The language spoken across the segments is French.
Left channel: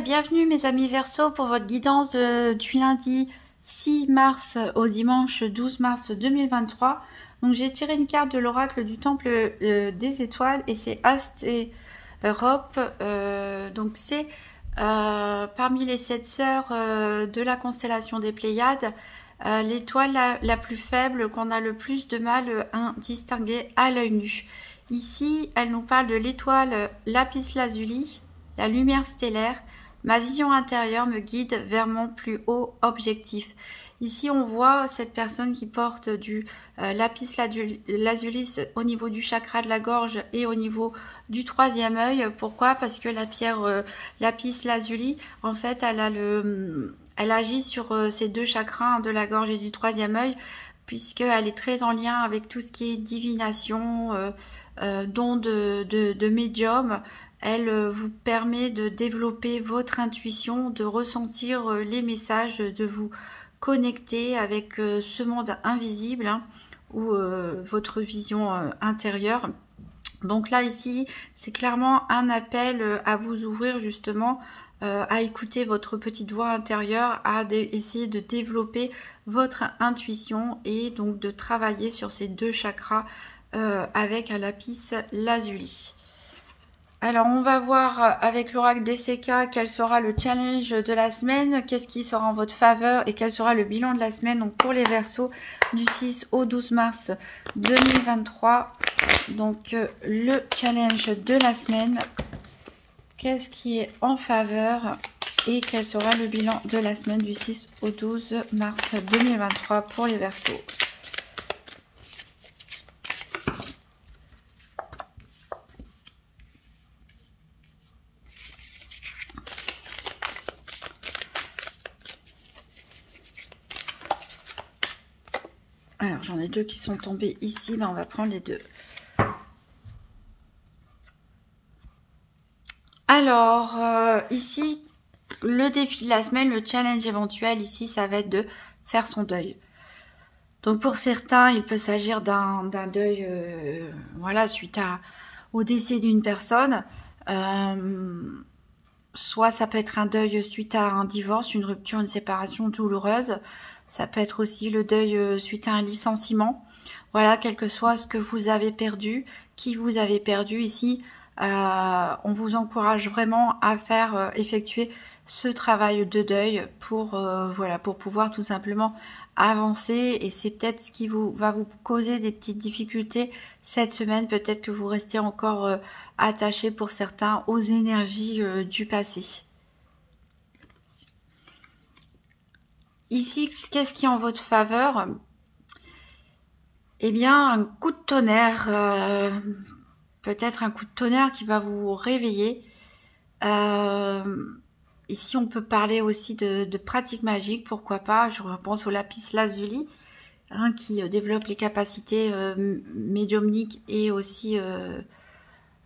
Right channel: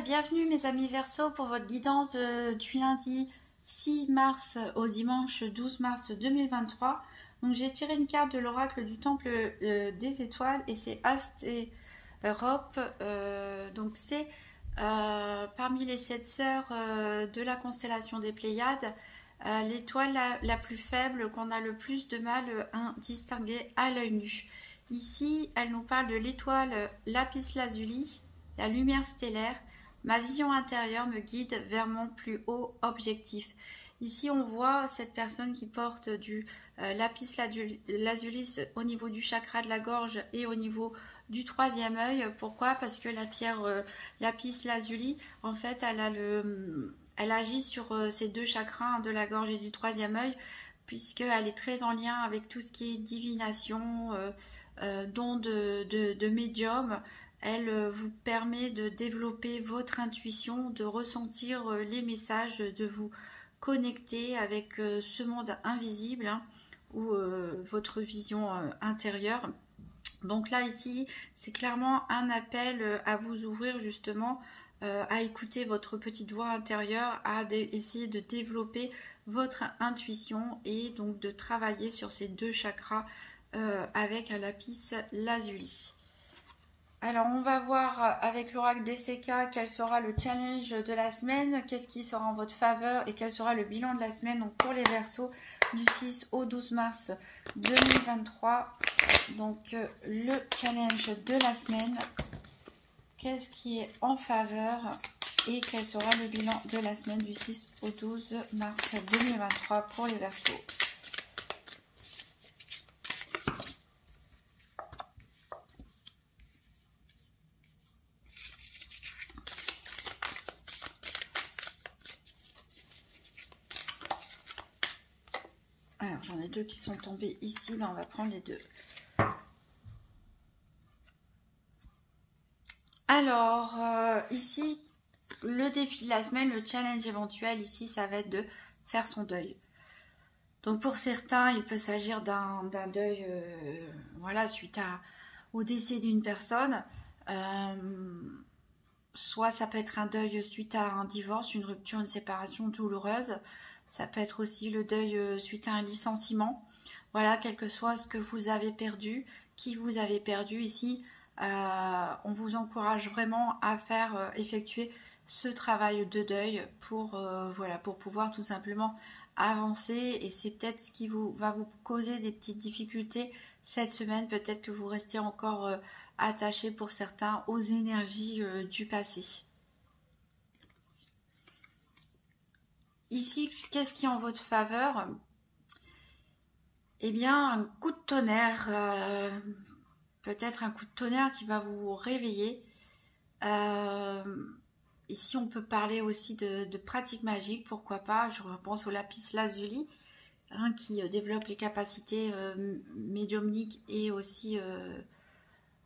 et bienvenue mes amis Verseau pour votre guidance du lundi 6 mars au dimanche 12 mars 2023. Donc j'ai tiré une carte de l'oracle du temple des étoiles et c'est Ast et Europe. Donc c'est parmi les 7 sœurs de la constellation des Pléiades, l'étoile la plus faible qu'on a le plus de mal à distinguer à l'œil nu. Ici, elle nous parle de l'étoile Lapis Lazuli, la lumière stellaire. Ma vision intérieure me guide vers mon plus haut objectif. Ici, on voit cette personne qui porte du lapis lazuli au niveau du chakra de la gorge et au niveau du troisième œil. Pourquoi? Parce que la pierre lapis lazuli, en fait, elle agit sur ces deux chakras de la gorge et du troisième œil, puisqu'elle est très en lien avec tout ce qui est divination, don de médium. Elle vous permet de développer votre intuition, de ressentir les messages, de vous connecter avec ce monde invisible, hein, ou votre vision intérieure. Donc là, ici, c'est clairement un appel à vous ouvrir justement, à écouter votre petite voix intérieure, à essayer de développer votre intuition et donc de travailler sur ces deux chakras avec un lapis lazuli. Alors, on va voir avec l'oracle DCK quel sera le challenge de la semaine, qu'est-ce qui sera en votre faveur et quel sera le bilan de la semaine. Donc, pour les Verseaux du 6 au 12 mars 2023. Donc, le challenge de la semaine, qu'est-ce qui est en faveur et quel sera le bilan de la semaine du 6 au 12 mars 2023 pour les Verseaux. Alors, j'en ai deux qui sont tombés ici, mais on va prendre les deux. Alors, ici, le défi de la semaine, le challenge éventuel, ici, ça va être de faire son deuil. Donc, pour certains, il peut s'agir d'un deuil, voilà, suite au décès d'une personne. Soit ça peut être un deuil suite à un divorce, une rupture, une séparation douloureuse. Ça peut être aussi le deuil suite à un licenciement. Voilà, quel que soit ce que vous avez perdu, qui vous avez perdu ici, on vous encourage vraiment à faire effectuer ce travail de deuil pour, voilà, pour pouvoir tout simplement avancer. Et c'est peut-être ce qui va vous causer des petites difficultés cette semaine. Peut-être que vous restez encore attaché pour certains aux énergies du passé. Ici, qu'est-ce qui est en votre faveur? Eh bien, un coup de tonnerre, peut-être un coup de tonnerre qui va vous réveiller. Ici, on peut parler aussi de pratiques magiques, pourquoi pas. Je repense au lapis lazuli, hein, qui développe les capacités médiumniques et aussi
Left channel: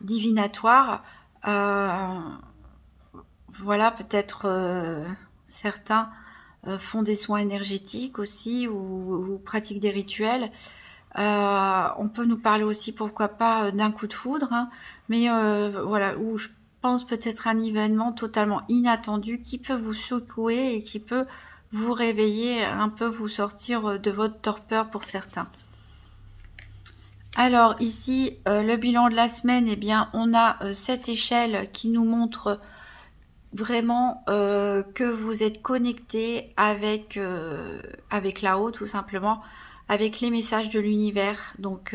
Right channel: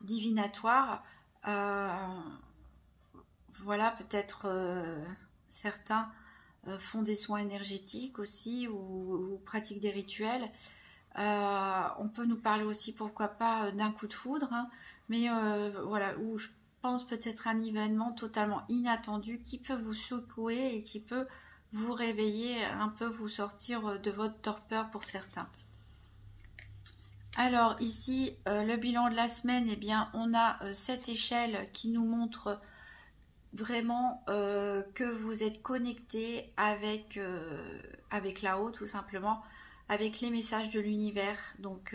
divinatoires. Voilà, peut-être certains font des soins énergétiques aussi ou pratiquent des rituels. On peut nous parler aussi, pourquoi pas, d'un coup de foudre, hein, mais voilà, où je pense peut-être un événement totalement inattendu qui peut vous secouer et qui peut vous réveiller, un peu vous sortir de votre torpeur pour certains. Alors ici, le bilan de la semaine, eh bien, on a cette échelle qui nous montre vraiment que vous êtes connecté avec là-haut, tout simplement, avec les messages de l'univers. Donc,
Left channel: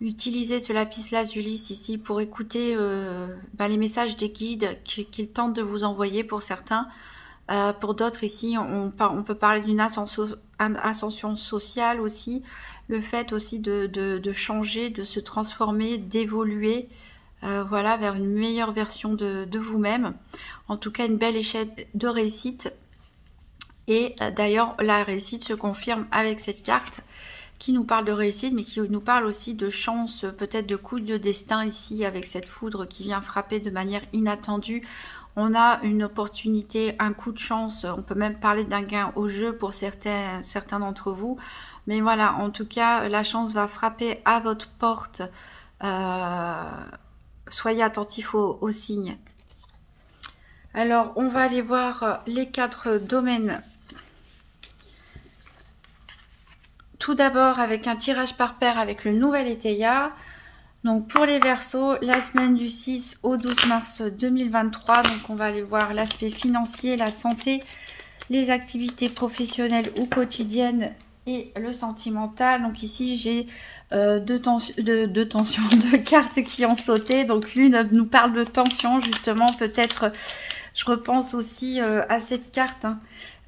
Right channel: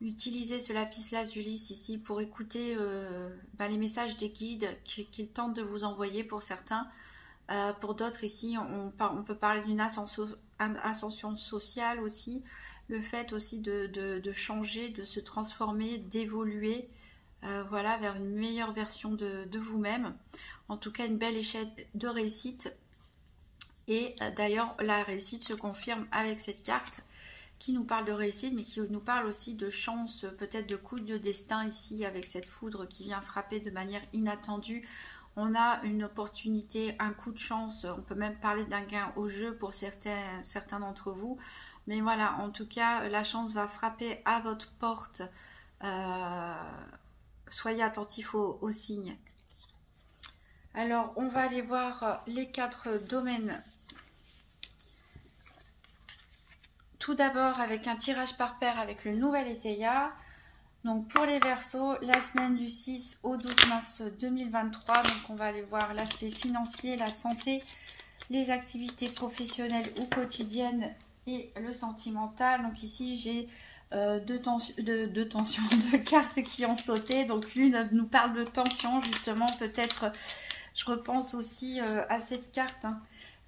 utilisez ce lapis lazuli ici pour écouter les messages des guides qu'ils tentent de vous envoyer pour certains. Pour d'autres ici, on peut parler d'une ascension sociale aussi, le fait aussi de changer, de se transformer, d'évoluer, voilà, vers une meilleure version de vous-même. En tout cas, une belle échelle de réussite. Et d'ailleurs, la réussite se confirme avec cette carte qui nous parle de réussite, mais qui nous parle aussi de chance, peut-être de coup de destin ici, avec cette foudre qui vient frapper de manière inattendue. On a une opportunité, un coup de chance, on peut même parler d'un gain au jeu pour certains d'entre vous. Mais voilà, en tout cas, la chance va frapper à votre porte. Soyez attentifs aux signes. Alors, on va aller voir les 4 domaines. Tout d'abord avec un tirage par paire avec le nouvel Éteilla. Donc pour les Verseaux, la semaine du 6 au 12 mars 2023. Donc on va aller voir l'aspect financier, la santé, les activités professionnelles ou quotidiennes et le sentimental. Donc ici j'ai deux cartes qui ont sauté. Donc l'une nous parle de tension justement. Peut-être je repense aussi à cette carte. Hein.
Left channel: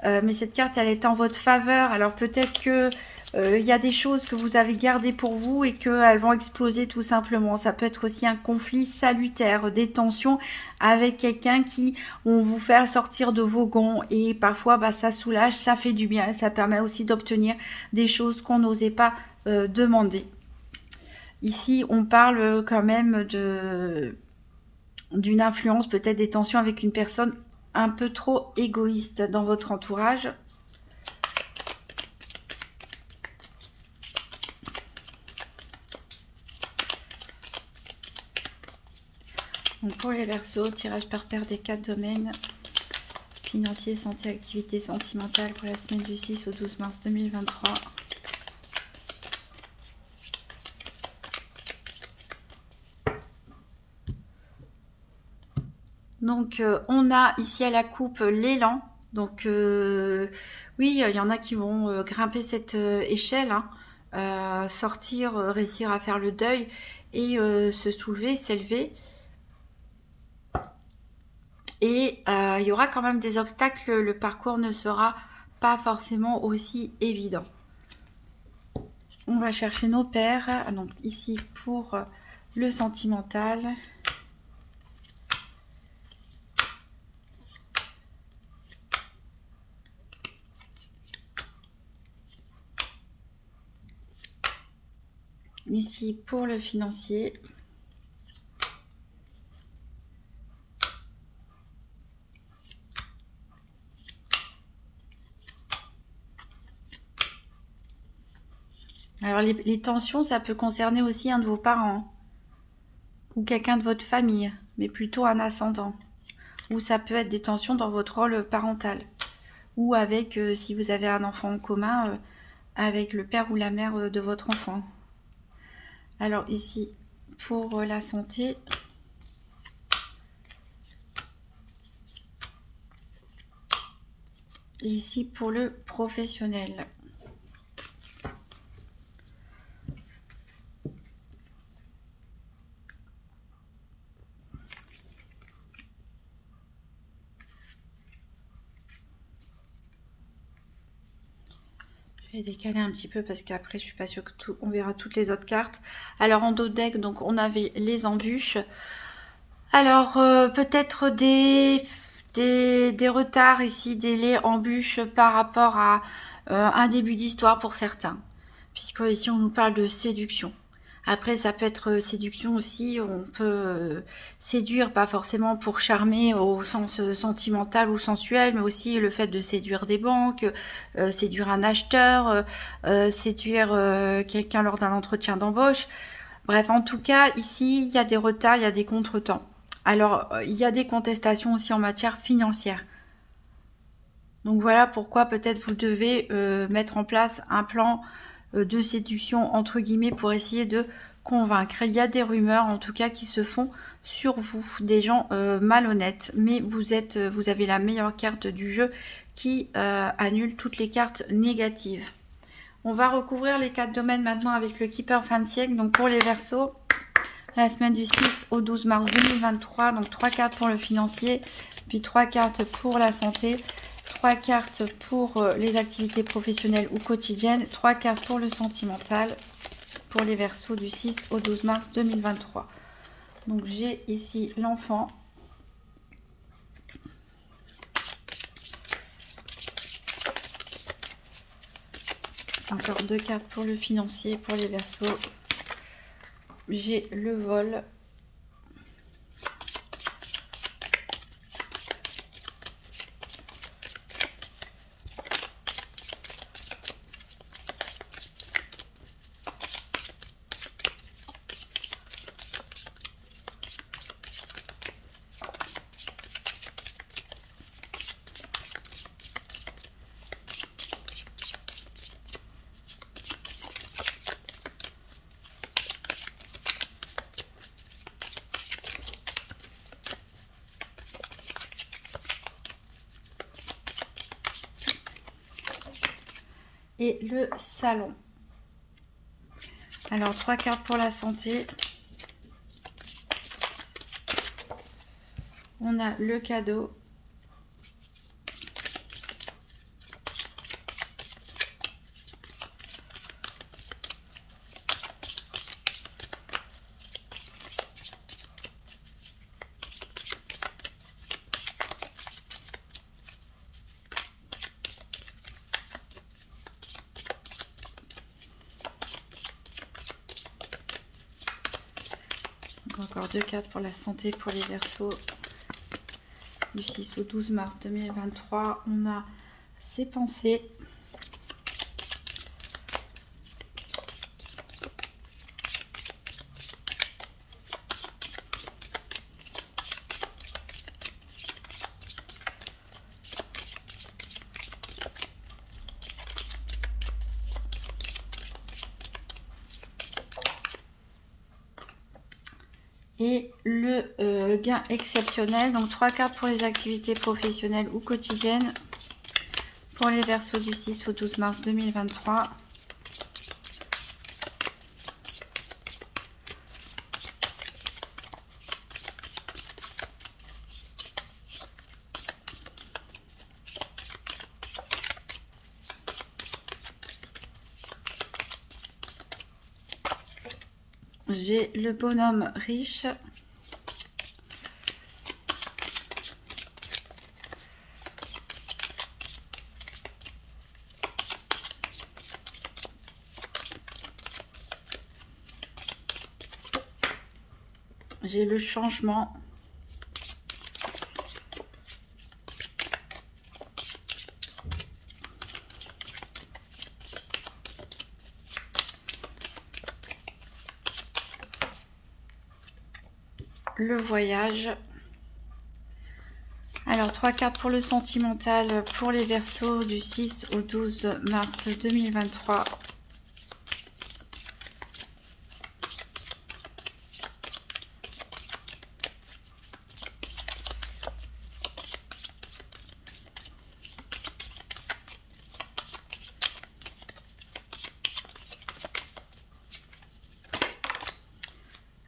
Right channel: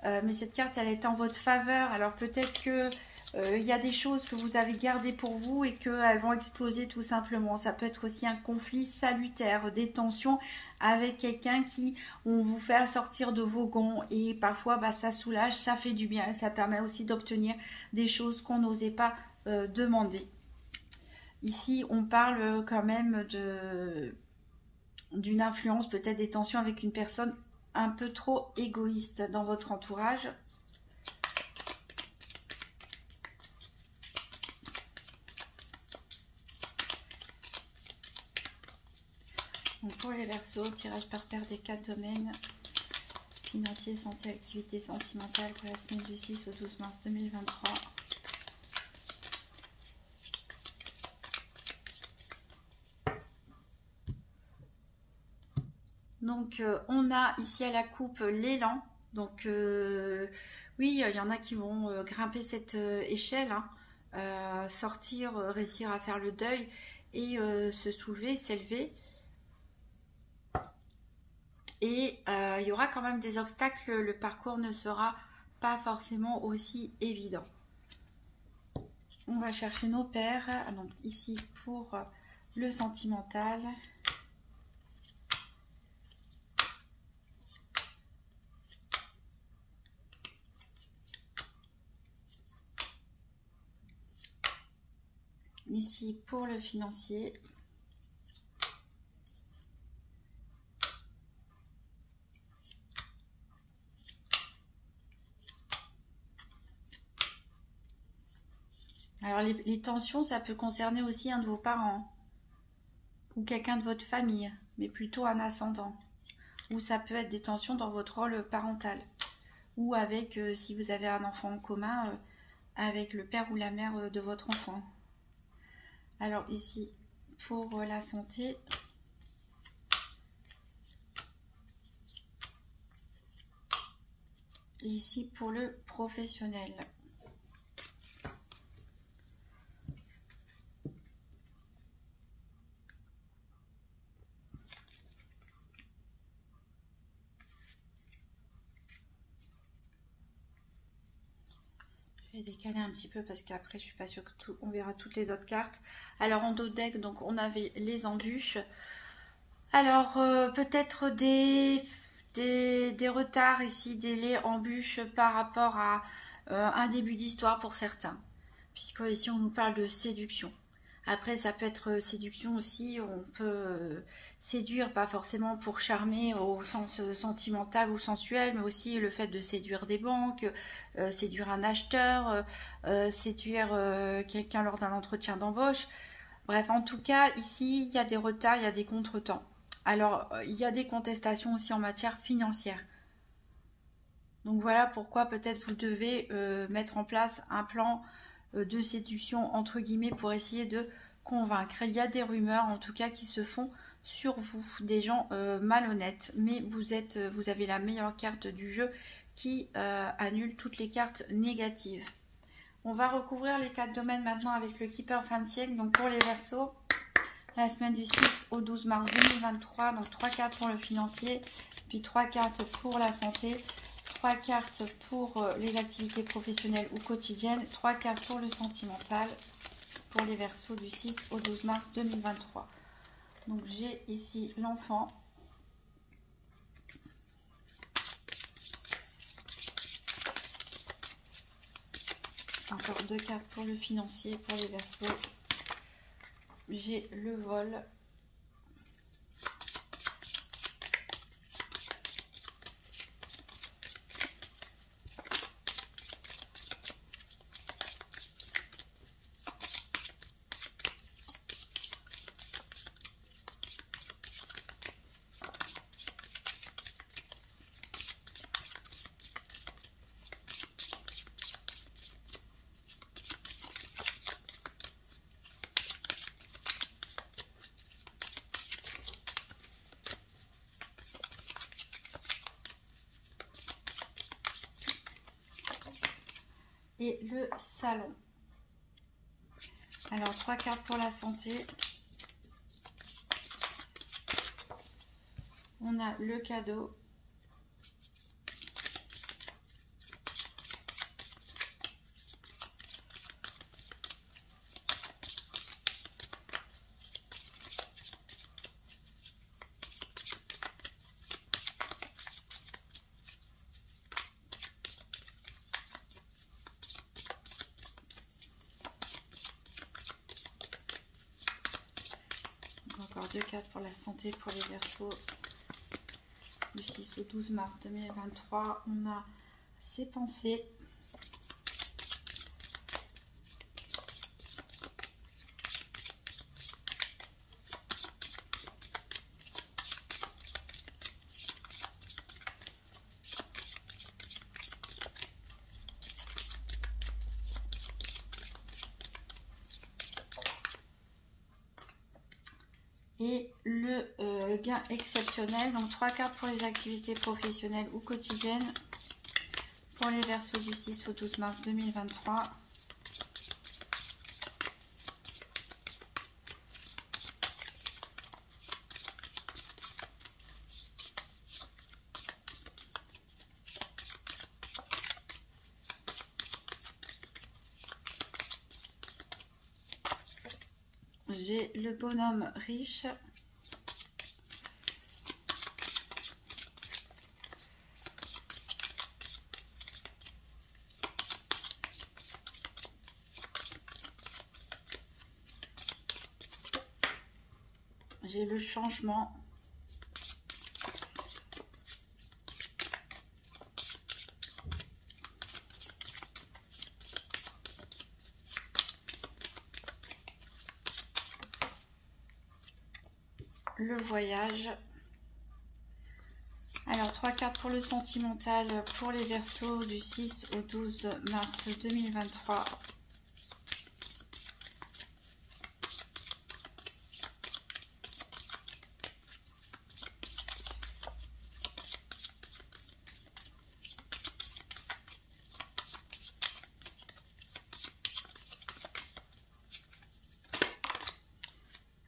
Mais cette carte elle est en votre faveur. Alors peut-être que il y a des choses que vous avez gardées pour vous et qu'elles vont exploser tout simplement. Ça peut être aussi un conflit salutaire, des tensions avec quelqu'un qui vont vous faire sortir de vos gonds. Et parfois, bah, ça soulage, ça fait du bien. Ça permet aussi d'obtenir des choses qu'on n'osait pas demander. Ici, on parle quand même d'une influence, peut-être des tensions avec une personne un peu trop égoïste dans votre entourage. Donc pour les Verseaux, tirage par paire des 4 domaines, financier, santé, activité sentimentale pour la semaine du 6 au 12 mars 2023. Donc on a ici à la coupe l'élan. Donc oui, il y en a qui vont grimper cette échelle, hein, sortir, réussir à faire le deuil et se soulever, s'élever. Et il y aura quand même des obstacles, le parcours ne sera pas forcément aussi évident. On va chercher nos paires. Donc ici pour le sentimental. Ici pour le financier. Alors les tensions, ça peut concerner aussi un de vos parents ou quelqu'un de votre famille, mais plutôt un ascendant. Ou ça peut être des tensions dans votre rôle parental. Ou avec, si vous avez un enfant en commun, avec le père ou la mère de votre enfant. Alors ici, pour la santé, ici pour le professionnel. Je vais décaler un petit peu parce qu'après je suis pas sûre que on verra toutes les autres cartes. Alors en dos de deck, donc on avait les embûches. Alors peut-être des retards ici, délais, embûches par rapport à un début d'histoire pour certains. Puisque ici on nous parle de séduction. Après ça peut être séduction aussi, on peut séduire pas forcément pour charmer au sens sentimental ou sensuel, mais aussi le fait de séduire des banques, séduire un acheteur, séduire quelqu'un lors d'un entretien d'embauche. Bref, en tout cas, ici, il y a des retards, il y a des contretemps. Alors, il y a des contestations aussi en matière financière. Donc voilà pourquoi peut-être vous devez mettre en place un plan de séduction, entre guillemets, pour essayer de convaincre. Il y a des rumeurs, en tout cas, qui se font sur vous, des gens malhonnêtes. Mais vous avez la meilleure carte du jeu qui annule toutes les cartes négatives. On va recouvrir les 4 domaines maintenant avec le Keeper fin de siècle. Donc pour les Verseaux, la semaine du 6 au 12 mars 2023. Donc 3 cartes pour le financier, puis 3 cartes pour la santé, 3 cartes pour les activités professionnelles ou quotidiennes, 3 cartes pour le sentimental pour les Verseaux du 6 au 12 mars 2023. Donc j'ai ici l'enfant. Encore 2 cartes pour le financier, pour les Verseaux. J'ai le vol. et le salon. Alors 3 cartes pour la santé. On a le cadeau. Encore 2 cartes pour la santé pour les Verseaux. Du 6 au 12 mars 2023, on a ses pensées. Et le gain exceptionnel, donc 3 cartes pour les activités professionnelles ou quotidiennes pour les Verseaux du 6 au 12 mars 2023. J'ai le bonhomme riche. J'ai le changement. Le voyage. Alors 3 cartes pour le sentimental pour les Verseaux du 6 au 12 mars 2023.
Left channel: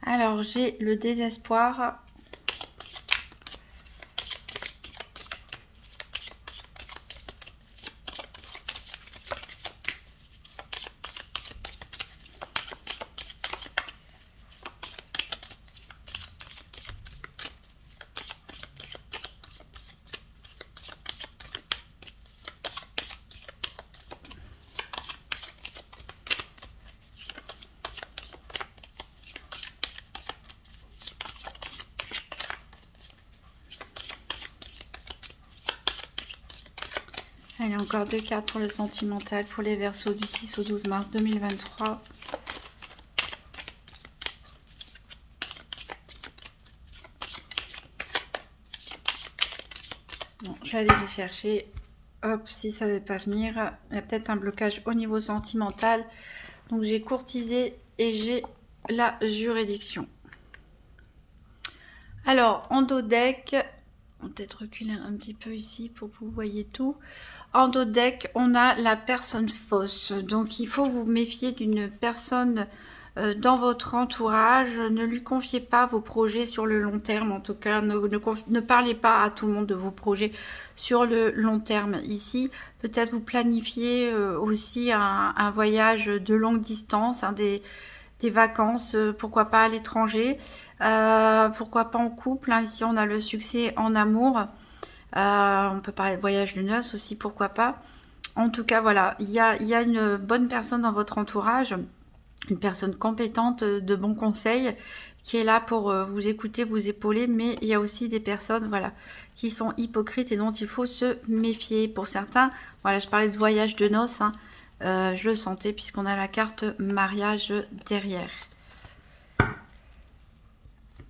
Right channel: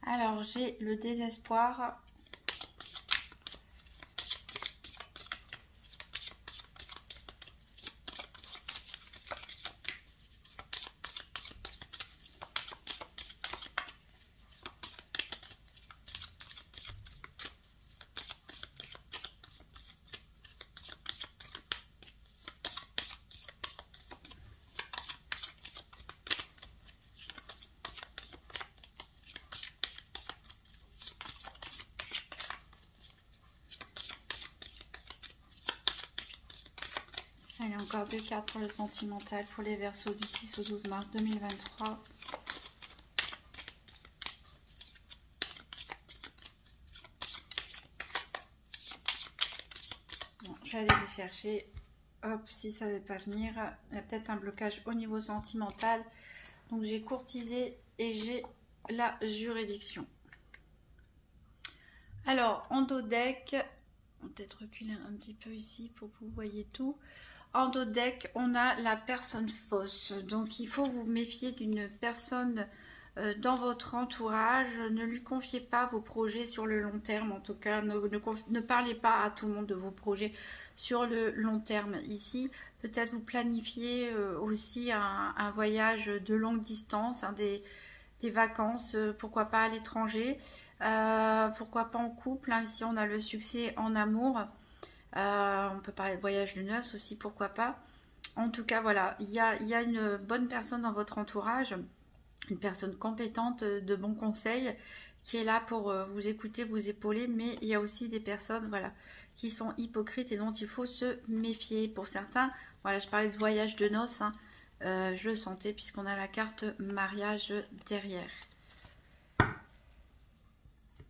Alors j'ai le désespoir. Allez, encore 2 cartes pour le sentimental pour les Verseaux du 6 au 12 mars 2023. Bon, je vais aller les chercher. Hop, si ça ne veut pas venir, il y a peut-être un blocage au niveau sentimental. Donc j'ai courtisé et j'ai la juridiction. Alors, en dos deck, on va peut-être reculer un petit peu ici pour que vous voyez tout. En dos deck, on a la personne fausse. Donc, il faut vous méfier d'une personne dans votre entourage. Ne lui confiez pas vos projets sur le long terme. En tout cas, ne parlez pas à tout le monde de vos projets sur le long terme. Ici, peut-être vous planifiez aussi un voyage de longue distance, hein, des vacances, pourquoi pas à l'étranger, pourquoi pas en couple. Hein. Ici, on a le succès en amour. On peut parler de voyage de noces aussi, pourquoi pas. En tout cas, voilà, il y a une bonne personne dans votre entourage, une personne compétente, de bons conseils, qui est là pour vous écouter, vous épauler, mais il y a aussi des personnes, voilà, qui sont hypocrites et dont il faut se méfier. Pour certains, voilà, je parlais de voyage de noces, hein, je le sentais puisqu'on a la carte mariage derrière.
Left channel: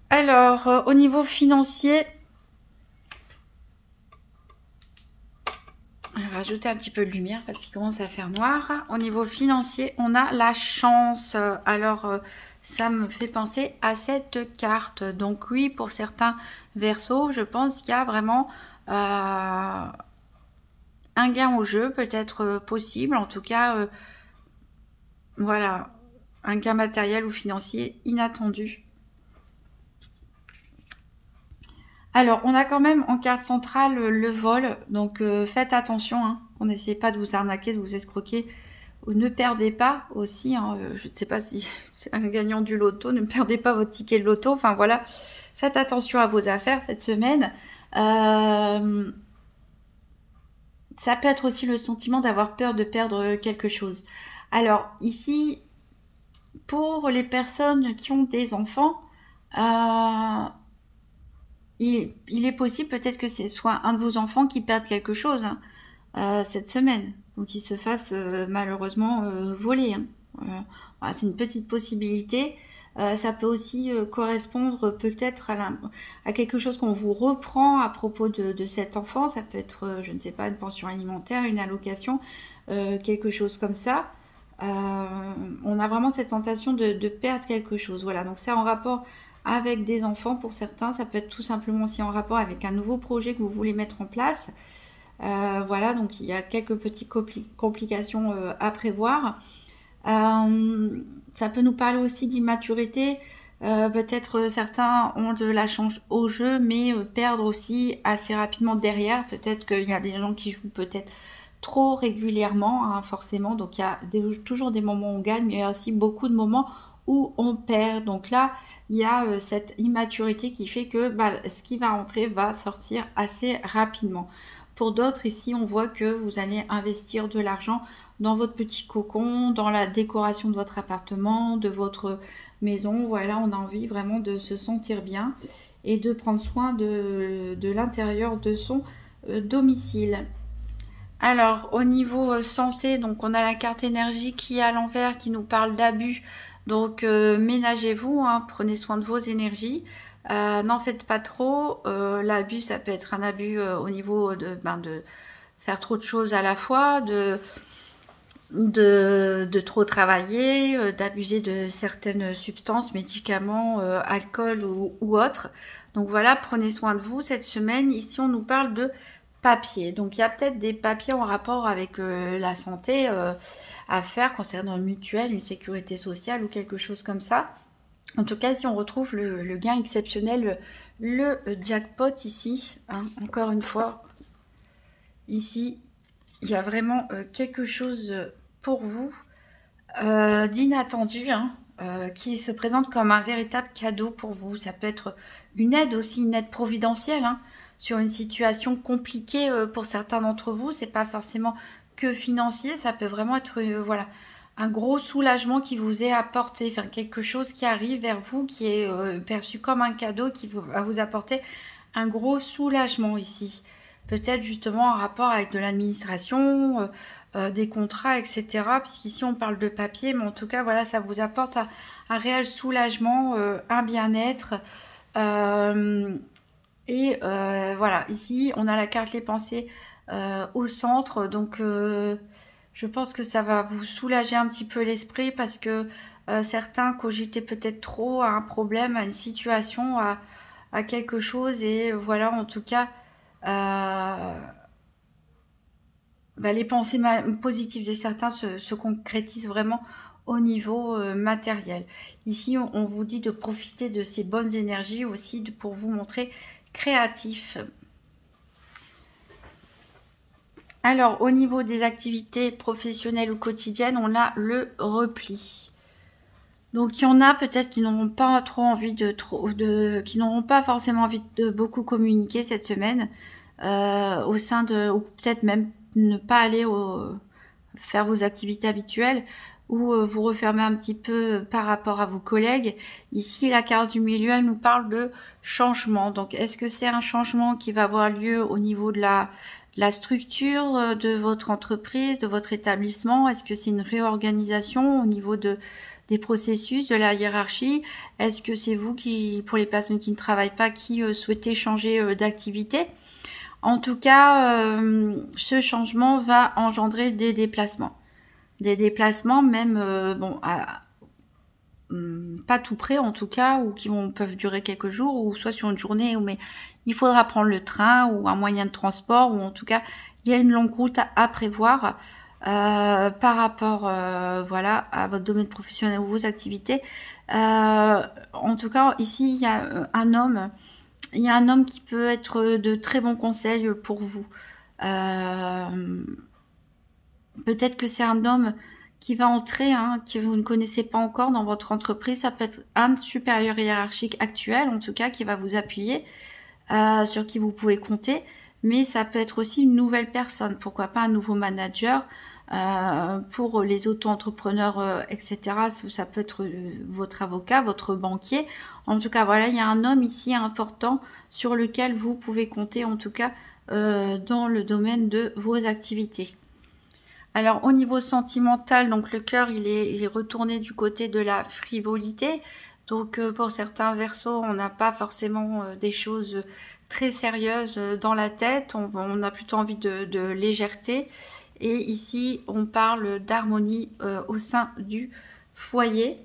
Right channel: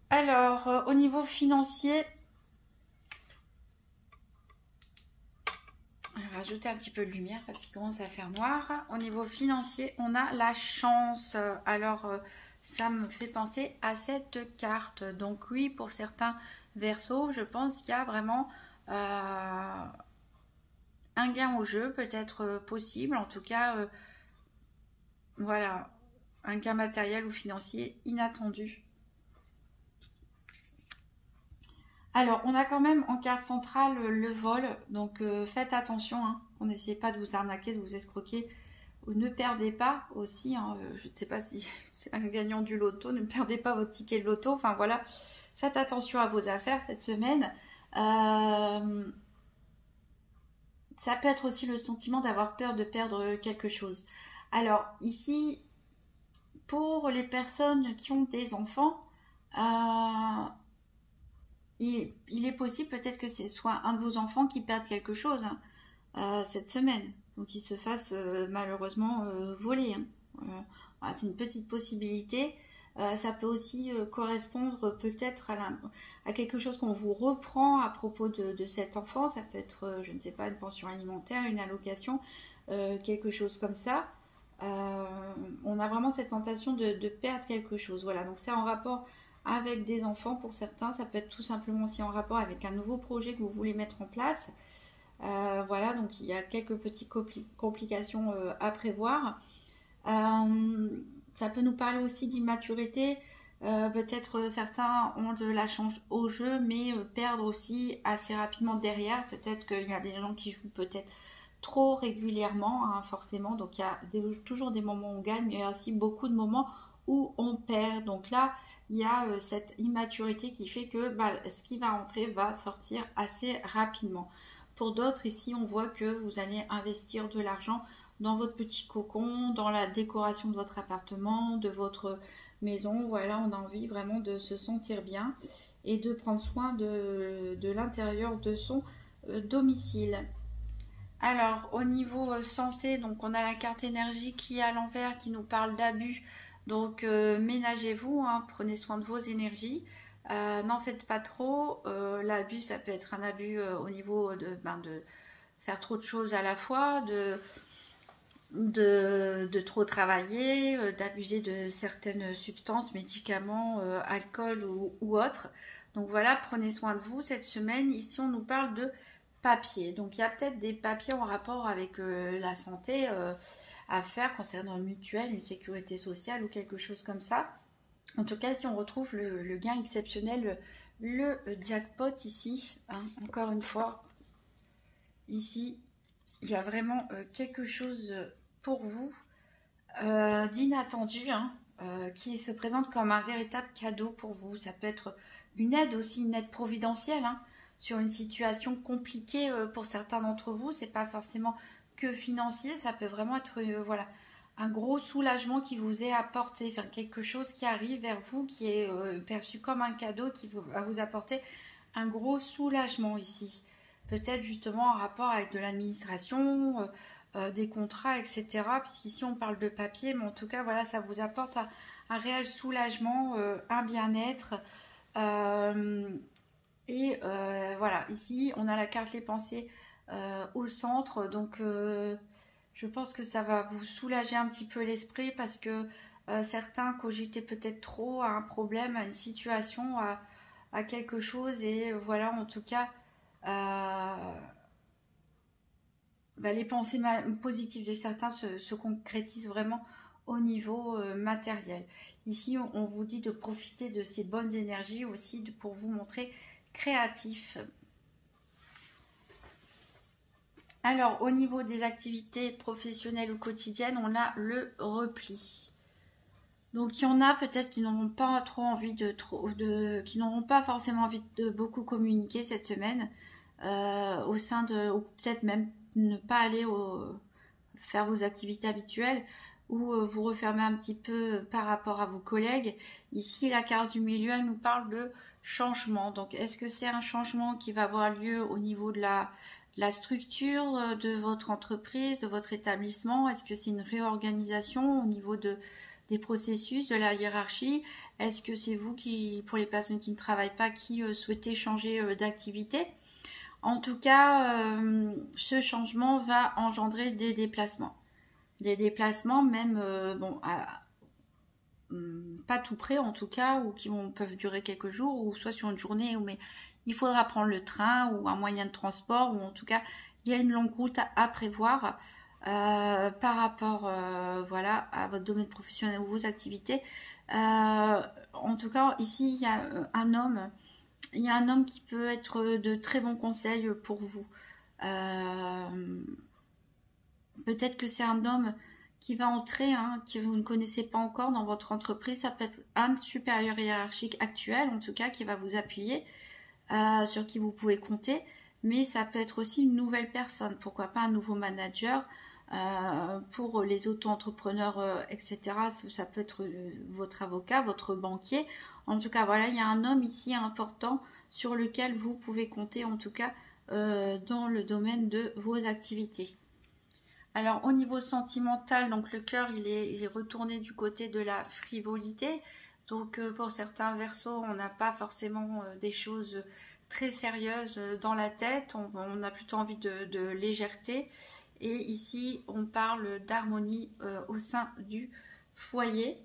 Alors, au niveau financier, on va rajouter un petit peu de lumière parce qu'il commence à faire noir. Au niveau financier, on a la chance. Alors, ça me fait penser à cette carte. Donc oui, pour certains Verseaux, je pense qu'il y a vraiment un un gain au jeu peut être possible, en tout cas, voilà, un gain matériel ou financier inattendu. Alors, on a quand même en carte centrale le vol, donc faites attention, hein, on n'essaie pas de vous arnaquer, de vous escroquer, ou ne perdez pas aussi, hein, je ne sais pas si c'est un gagnant du loto, ne perdez pas votre ticket de loto, enfin voilà, faites attention à vos affaires cette semaine. Ça peut être aussi le sentiment d'avoir peur de perdre quelque chose. Alors ici, pour les personnes qui ont des enfants, il est possible peut-être que ce soit un de vos enfants qui perde quelque chose, hein, cette semaine. Donc qu'il se fasse malheureusement voler, hein. Voilà, c'est une petite possibilité. Ça peut aussi correspondre peut-être à quelque chose qu'on vous reprend à propos de cet enfant. Ça peut être, je ne sais pas, une pension alimentaire, une allocation, quelque chose comme ça. On a vraiment cette tentation de perdre quelque chose. Voilà, donc c'est en rapport avec des enfants pour certains. Ça peut être tout simplement aussi en rapport avec un nouveau projet que vous voulez mettre en place. Voilà, donc il y a quelques petites complications à prévoir. Ça peut nous parler aussi d'immaturité. Peut-être certains ont de la chance au jeu, mais perdre aussi assez rapidement derrière. Peut-être qu'il y a des gens qui jouent peut-être trop régulièrement, hein, forcément. Donc il y a toujours des moments où on gagne, mais il y a aussi beaucoup de moments où on perd. Donc là, il y a cette immaturité qui fait que ce qui va rentrer va sortir assez rapidement. Pour d'autres, ici, on voit que vous allez investir de l'argent dans votre petit cocon, dans la décoration de votre appartement, de votre maison. Voilà, on a envie vraiment de se sentir bien et de prendre soin de l'intérieur de son domicile. Alors, au niveau sensé, donc on a la carte énergie qui est à l'envers, qui nous parle d'abus. Donc, ménagez-vous, hein, prenez soin de vos énergies. N'en faites pas trop. L'abus, ça peut être un abus au niveau de faire trop de choses à la fois, de trop travailler, d'abuser de certaines substances, médicaments, alcool ou autres. Donc voilà, prenez soin de vous cette semaine. Ici, on nous parle de papier. Donc il y a peut-être des papiers en rapport avec la santé à faire concernant une mutuelle, une sécurité sociale ou quelque chose comme ça. En tout cas, si on retrouve le gain exceptionnel, le jackpot ici, hein, encore une fois, ici, il y a vraiment quelque chose pour vous d'inattendu, hein, qui se présente comme un véritable cadeau pour vous. Ça peut être une aide aussi, une aide providentielle, hein, sur une situation compliquée pour certains d'entre vous. C'est pas forcément que financier, ça peut vraiment être voilà, un gros soulagement qui vous est apporté, enfin quelque chose qui arrive vers vous, qui est perçu comme un cadeau, qui va vous apporter un gros soulagement ici. Peut-être justement en rapport avec de l'administration, des contrats, etc. Puisqu'ici on parle de papier, mais en tout cas voilà, ça vous apporte un réel soulagement, un bien-être. Voilà, ici on a la carte les pensées au centre, donc je pense que ça va vous soulager un petit peu l'esprit parce que certains cogitaient peut-être trop à un problème, à une situation, à quelque chose, et voilà, en tout cas, les pensées positives de certains se concrétisent vraiment au niveau matériel. Ici, on vous dit de profiter de ces bonnes énergies aussi pour vous montrer créatif. Alors, au niveau des activités professionnelles ou quotidiennes, on a le repli. Donc, il y en a peut-être qui n'auront pas trop envie qui n'auront pas forcément envie de beaucoup communiquer cette semaine au sein de, ou peut-être même ne pas aller faire vos activités habituelles ou vous refermer un petit peu par rapport à vos collègues. Ici, la carte du milieu, elle nous parle de changement. Donc, est-ce que c'est un changement qui va avoir lieu au niveau de la structure de votre entreprise, de votre établissement? Est-ce que c'est une réorganisation au niveau des processus, de la hiérarchie? Est-ce que c'est vous qui, pour les personnes qui ne travaillent pas, qui souhaitez changer d'activité? En tout cas, ce changement va engendrer des déplacements. Des déplacements même, pas tout près en tout cas, ou peuvent durer quelques jours, ou soit sur une journée, mais il faudra prendre le train ou un moyen de transport, ou en tout cas il y a une longue route à prévoir par rapport voilà, à votre domaine professionnel ou vos activités. En tout cas, ici, il y a un homme. Il y a un homme qui peut être de très bons conseils pour vous. Peut-être que c'est un homme qui va entrer, hein, que vous ne connaissez pas encore dans votre entreprise. Ça peut être un supérieur hiérarchique actuel, en tout cas, qui va vous appuyer, sur qui vous pouvez compter. Mais ça peut être aussi une nouvelle personne. Pourquoi pas un nouveau manager pour les auto-entrepreneurs, etc. Ça peut être votre avocat, votre banquier. En tout cas, voilà, il y a un homme ici important sur lequel vous pouvez compter, en tout cas, dans le domaine de vos activités. Alors au niveau sentimental, donc le cœur il est retourné du côté de la frivolité. Donc pour certains versos, on n'a pas forcément des choses très sérieuses dans la tête. On a plutôt envie de légèreté. Et ici, on parle d'harmonie au sein du foyer.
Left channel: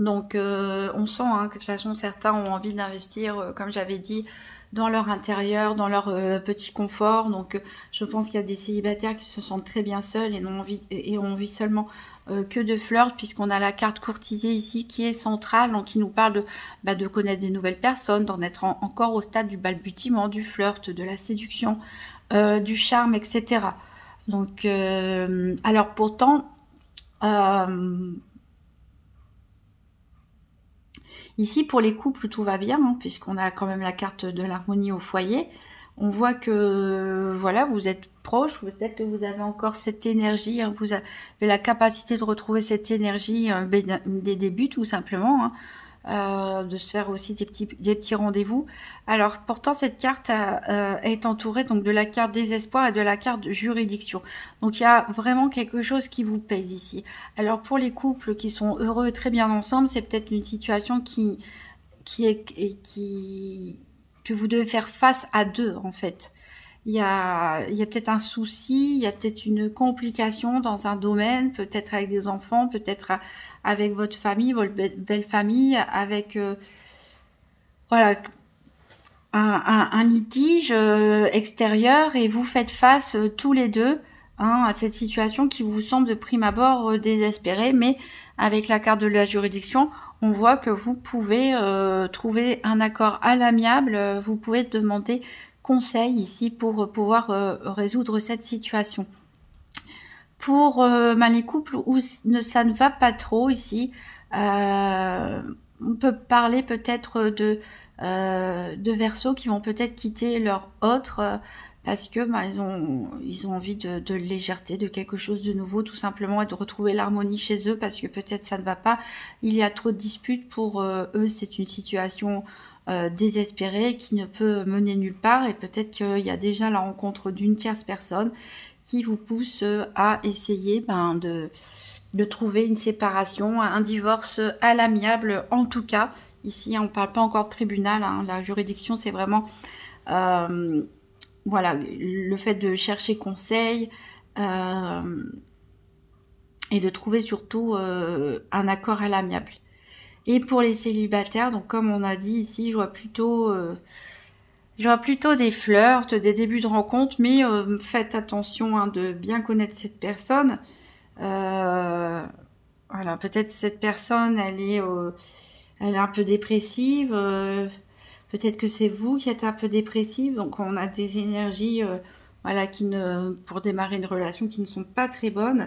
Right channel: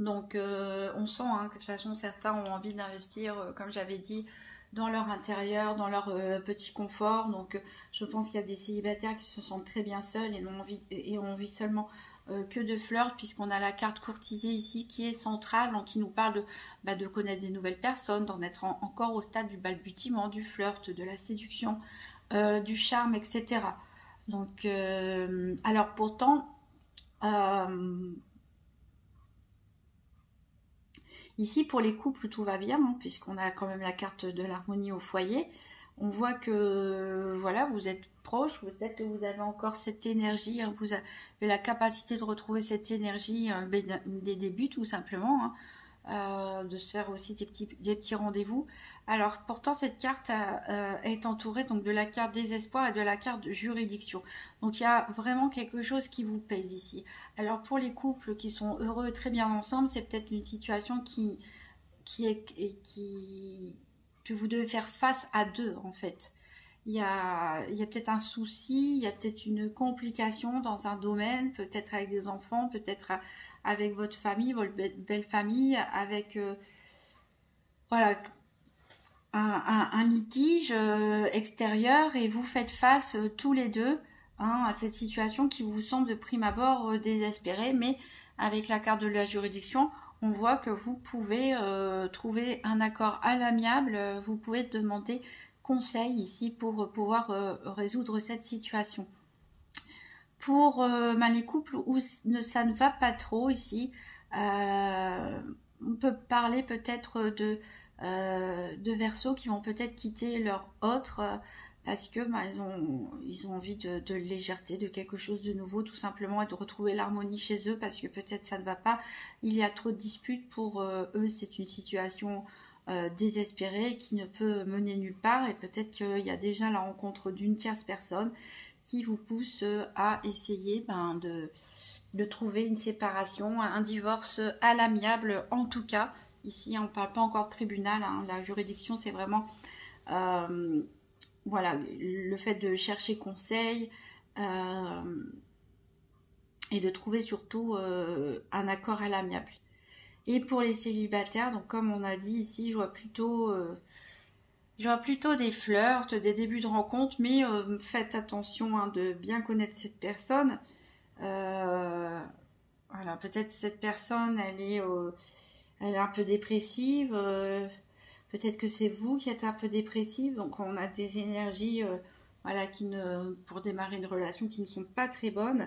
Donc on sent hein, que de toute façon certains ont envie d'investir, comme j'avais dit, dans leur intérieur, dans leur petit confort. Donc je pense qu'il y a des célibataires qui se sentent très bien seuls et ont envie seulement que de flirt, puisqu'on a la carte courtisée ici qui est centrale, donc qui nous parle de connaître des nouvelles personnes, d'en être encore au stade du balbutiement, du flirt, de la séduction, du charme, etc. Donc alors pourtant ici, pour les couples, tout va bien, hein, puisqu'on a quand même la carte de l'harmonie au foyer. On voit que voilà, vous êtes proche, peut-être que vous avez encore cette énergie, hein, vous avez la capacité de retrouver cette énergie des débuts, tout simplement, hein, de se faire aussi des petits rendez-vous. Alors, pourtant, cette carte est entourée donc, de la carte désespoir et de la carte juridiction. Donc, il y a vraiment quelque chose qui vous pèse ici. Alors, pour les couples qui sont heureux et très bien ensemble, c'est peut-être une situation que vous devez faire face à deux, en fait. Il y a peut-être un souci, il y a peut-être une complication dans un domaine, peut-être avec des enfants, peut-être avec votre famille, votre belle famille, avec voilà, un litige extérieur et vous faites face tous les deux hein, à cette situation qui vous semble de prime abord désespérée, mais avec la carte de la juridiction, on voit que vous pouvez trouver un accord à l'amiable, vous pouvez demander conseil ici pour pouvoir résoudre cette situation. Pour les couples où ça ne va pas trop ici, on peut parler peut-être de Verseaux qui vont peut-être quitter leur autre parce que ils ont envie de légèreté, de quelque chose de nouveau tout simplement et de retrouver l'harmonie chez eux parce que peut-être ça ne va pas, il y a trop de disputes pour eux, c'est une situation désespérée qui ne peut mener nulle part et peut-être qu'il y a déjà la rencontre d'une tierce personne qui vous pousse à essayer de trouver une séparation, un divorce à l'amiable en tout cas. Ici, on ne parle pas encore de tribunal, hein, la juridiction, c'est vraiment voilà, le fait de chercher conseil et de trouver surtout un accord à l'amiable. Et pour les célibataires, donc comme on a dit ici, je vois plutôt des flirts, des débuts de rencontre, mais faites attention hein, de bien connaître cette personne. Voilà, peut-être cette personne, elle est un peu dépressive. Peut-être que c'est vous qui êtes un peu dépressive. Donc on a des énergies, voilà, pour démarrer une relation qui ne sont pas très bonnes.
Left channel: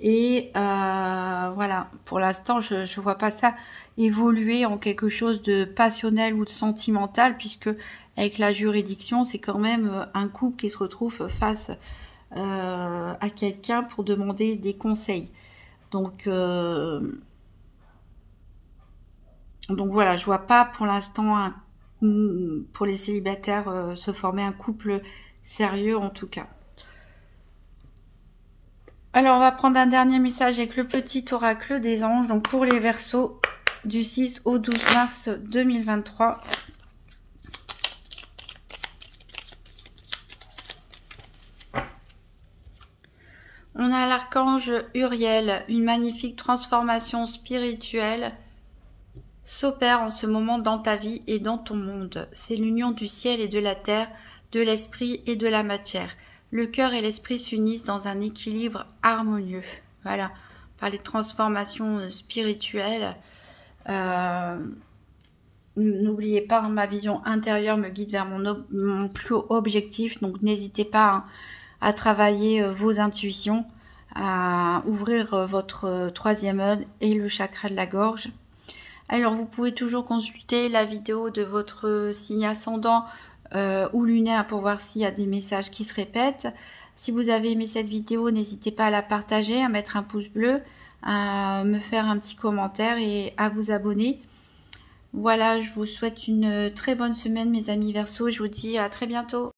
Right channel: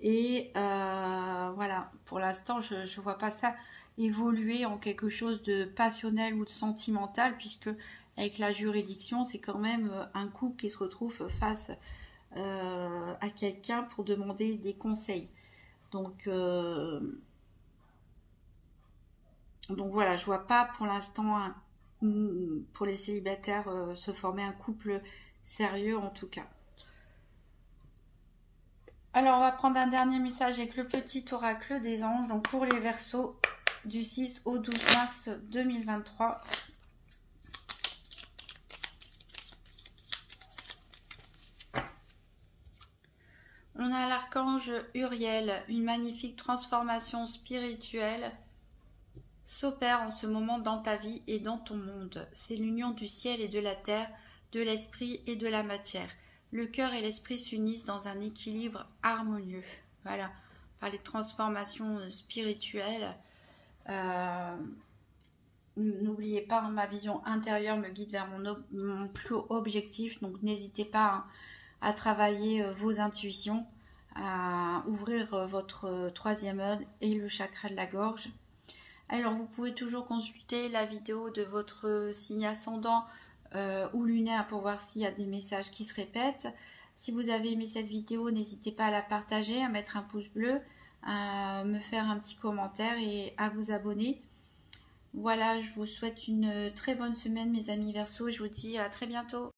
Et voilà, pour l'instant, je ne vois pas ça évoluer en quelque chose de passionnel ou de sentimental, puisque avec la juridiction, c'est quand même un couple qui se retrouve face à quelqu'un pour demander des conseils. Donc voilà, je vois pas pour l'instant pour les célibataires se former un couple sérieux en tout cas. Alors on va prendre un dernier message avec le petit oracle des anges. Donc pour les Verseaux du 6 au 12 mars 2023. On a l'archange Uriel, une magnifique transformation spirituelle s'opère en ce moment dans ta vie et dans ton monde. C'est l'union du ciel et de la terre, de l'esprit et de la matière. le cœur et l'esprit s'unissent dans un équilibre harmonieux. Voilà, par les transformations spirituelles. N'oubliez pas, ma vision intérieure me guide vers mon plus haut objectif. Donc n'hésitez pas à travailler vos intuitions, à ouvrir votre troisième œil et le chakra de la gorge. Alors vous pouvez toujours consulter la vidéo de votre signe ascendant ou lunaire pour voir s'il y a des messages qui se répètent. Si vous avez aimé cette vidéo, n'hésitez pas à la partager, à mettre un pouce bleu, à me faire un petit commentaire et à vous abonner. Voilà, je vous souhaite une très bonne semaine mes amis Verseaux, je vous dis à très bientôt.